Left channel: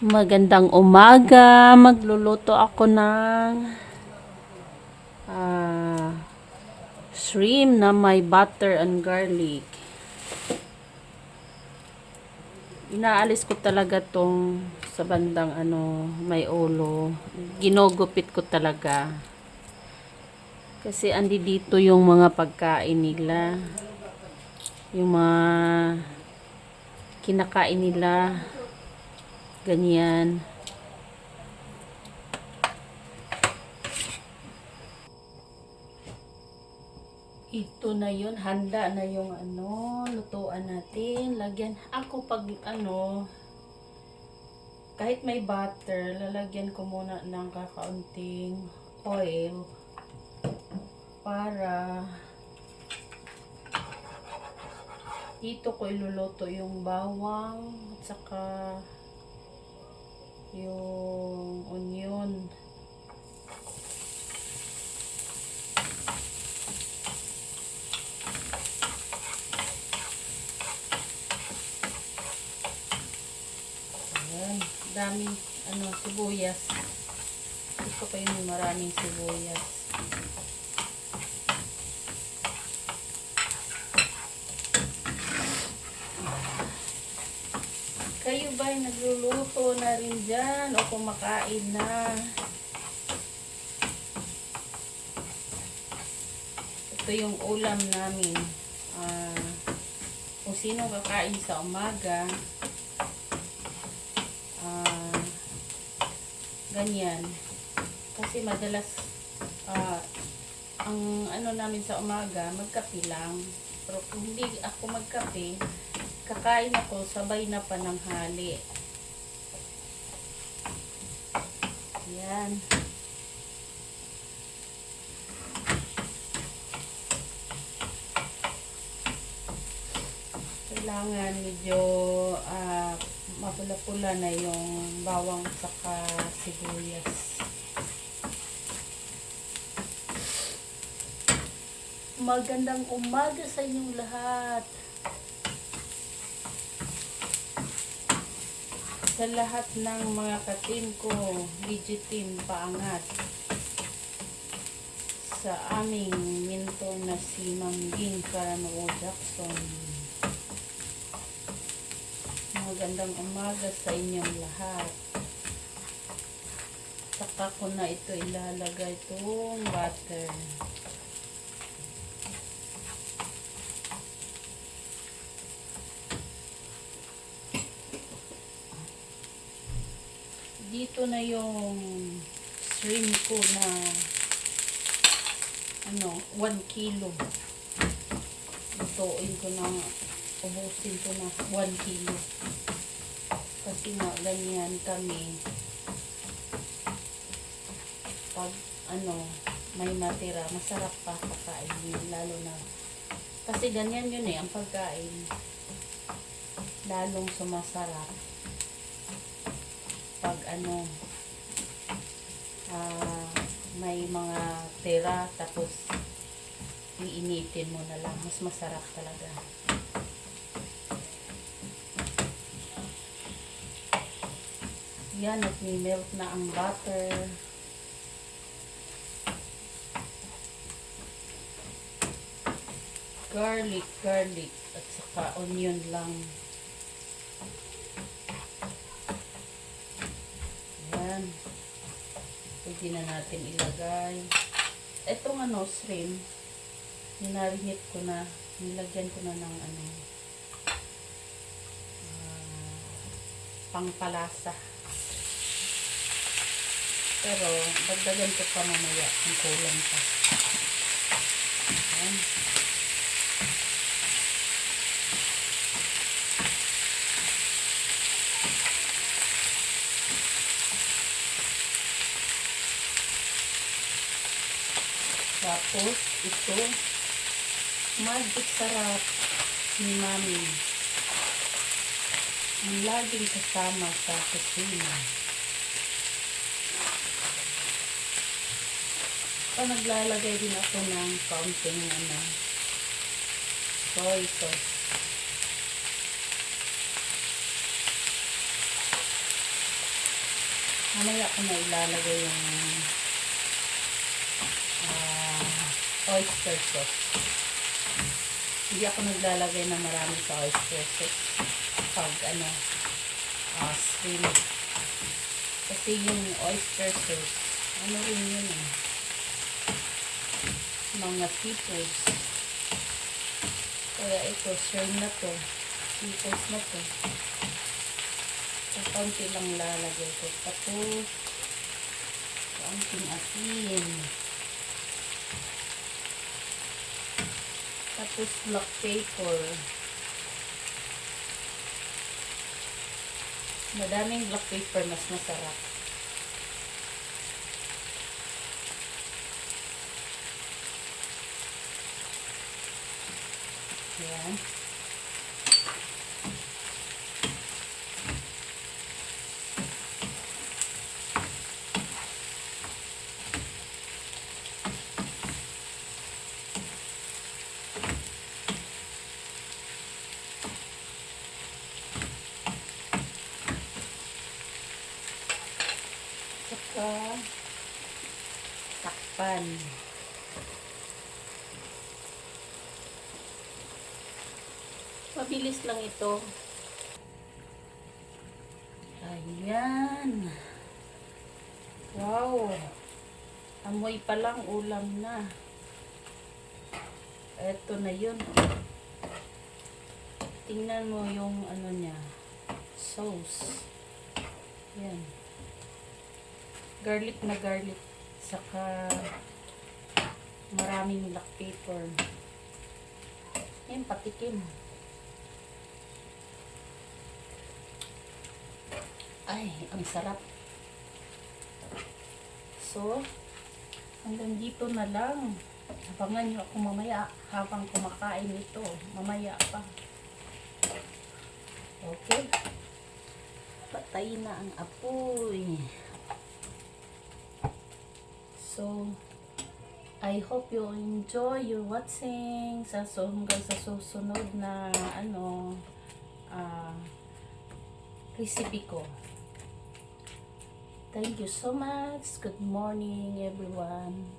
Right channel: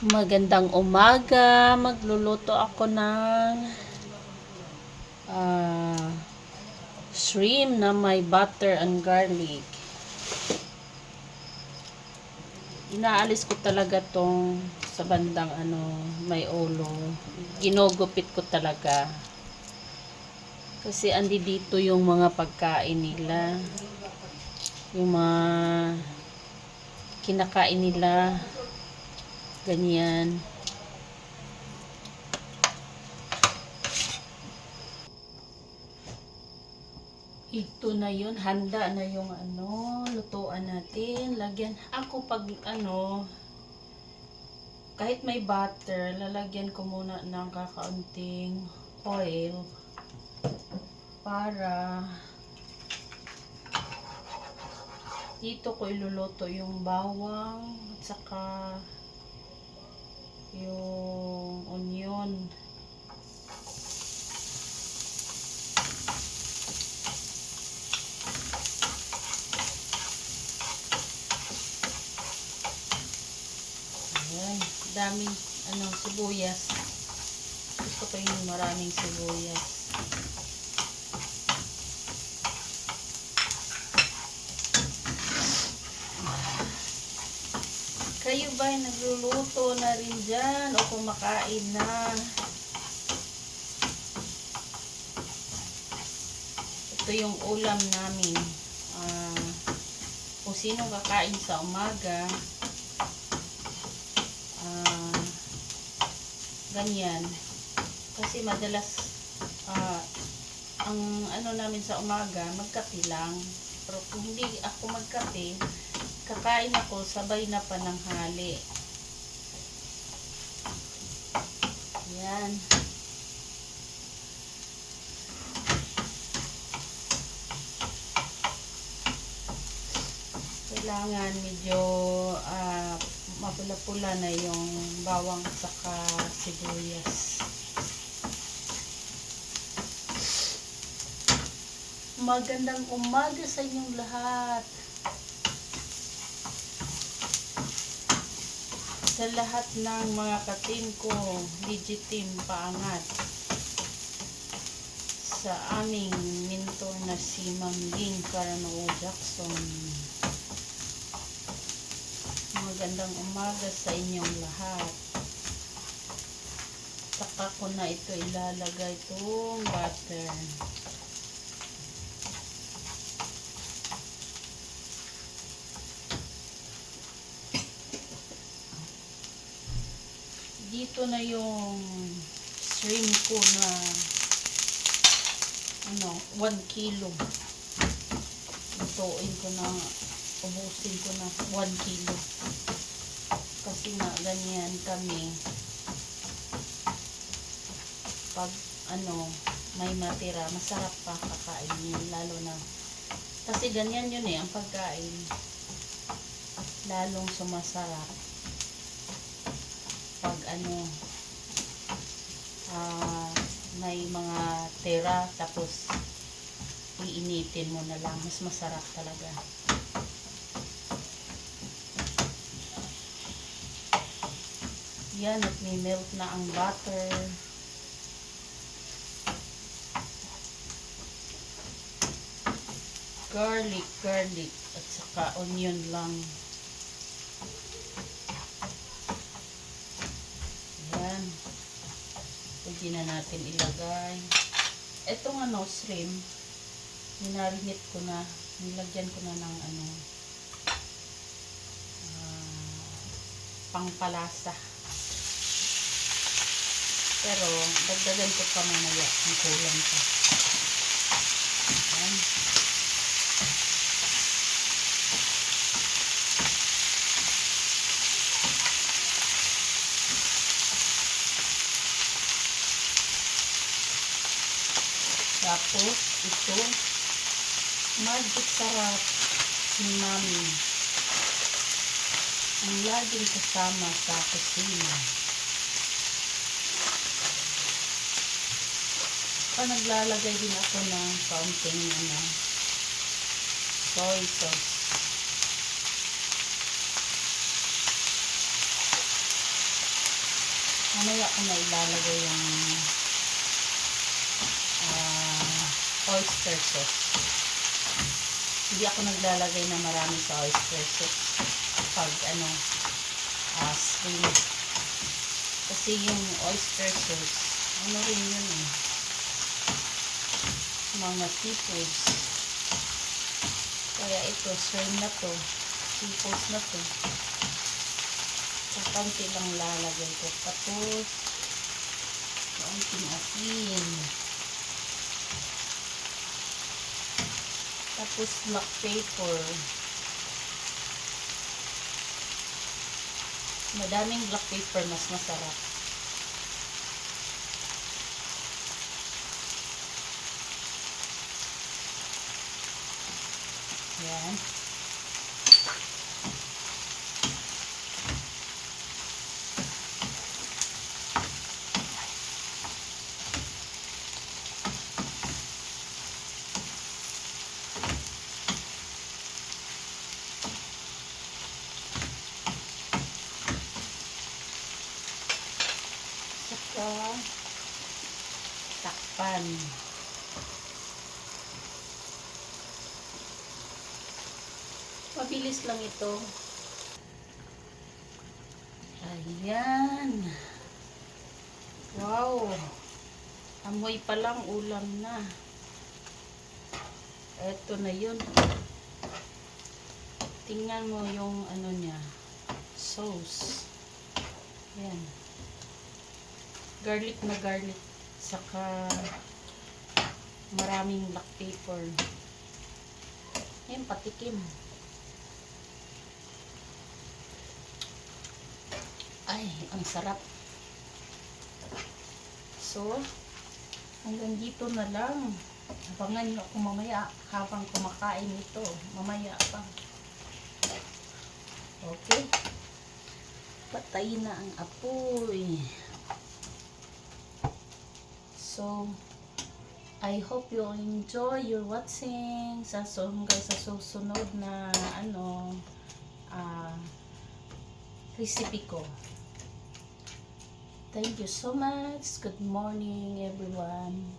Magandang umaga. Magluluto ako ng shrimp na may butter and garlic. Inaalis ko talaga tong sa bandang may ulo. Ginugupit ko talaga. Kasi andi dito yung mga pagkain nila. Yung mga kinakain nila. Ganyan. Ito na yun, handa na yung lutuan natin. Lagyan, ako pag kahit may butter, lalagyan ko muna ng kakaunting oil para dito ko iluluto yung bawang at saka yung onion. Daming sibuyas. Gusto ko yung maraming sibuyas. Kayo ba ay nagluluto na rin dyan o kumakain na? Ito yung ulam namin. Kung sino kakain sa umaga, ganyan. Kasi madalas ang namin sa umaga, magkape lang. Pero kung hindi ako magkape, kakain ako sabay na pananghali. Yan. Kailangan medyo mapula-pula na yung bawang saka sibuyas. Magandang umaga sa inyong lahat. Sa lahat ng mga ka-team ko, Digiteam Paangat. Sa aming mentor na si Ma'am Ging Carano Jackson. Magandang umaga sa inyong lahat. Saka ko na ito ilalagay itong butter. Dito na yung shrimp ko na 1 kilo. Lutuin ko na, ubusin ko na 1 kilo. Kasi nga ganyan kami. Pag may matira, masarap pa kakainin, lalo na kasi ganyan yun ang pagkain. Lalong sumasarap pag may mga tira tapos iinitin mo na lang, mas masarap talaga. Yan, at may melt na ang butter. Garlic at saka onion lang. Yan. Pwede na natin ilagay. Etong shrimp, minarinate ko na, nilagyan ko na ng pangpalasa. Pero dagdagan ko pa mamaya ang kulang pa. Yan. Tapos ito, magic sarap ni Mami. Ang laging kasama sa kusina. Naglalagay din ako ng kaunting soy sauce. Mamaya ko na ilalagay yung oyster sauce. Hindi ako naglalagay na marami sa oyster sauce pag shrimp. Kasi yung oyster sauce, ano rin yun eh, mga seafoods. Kaya ito, shrimp na to, seafoods na to. Kaunti lang lalagay ko. Tapos, kaunting asin. Tapos, black pepper. Madaming black pepper, mas masarap. Yan. Saka takpan. Mabilis lang ito. Ayan. Wow. Amoy pa lang ulam na. Eto na yun. Tingnan mo yung ano niya. Sauce. Ayan. Garlic na garlic. Saka maraming black pepper. Ayan, patikim. Ay, ang sarap. So, hanggang dito na lang. Abangan nyo ako mamaya habang kumakain ito. Mamaya pa. Okay. Patay na ang apoy. So, I hope you enjoy your watching hanggang sa susunod na recipe ko. Thank you so much. Good morning, everyone.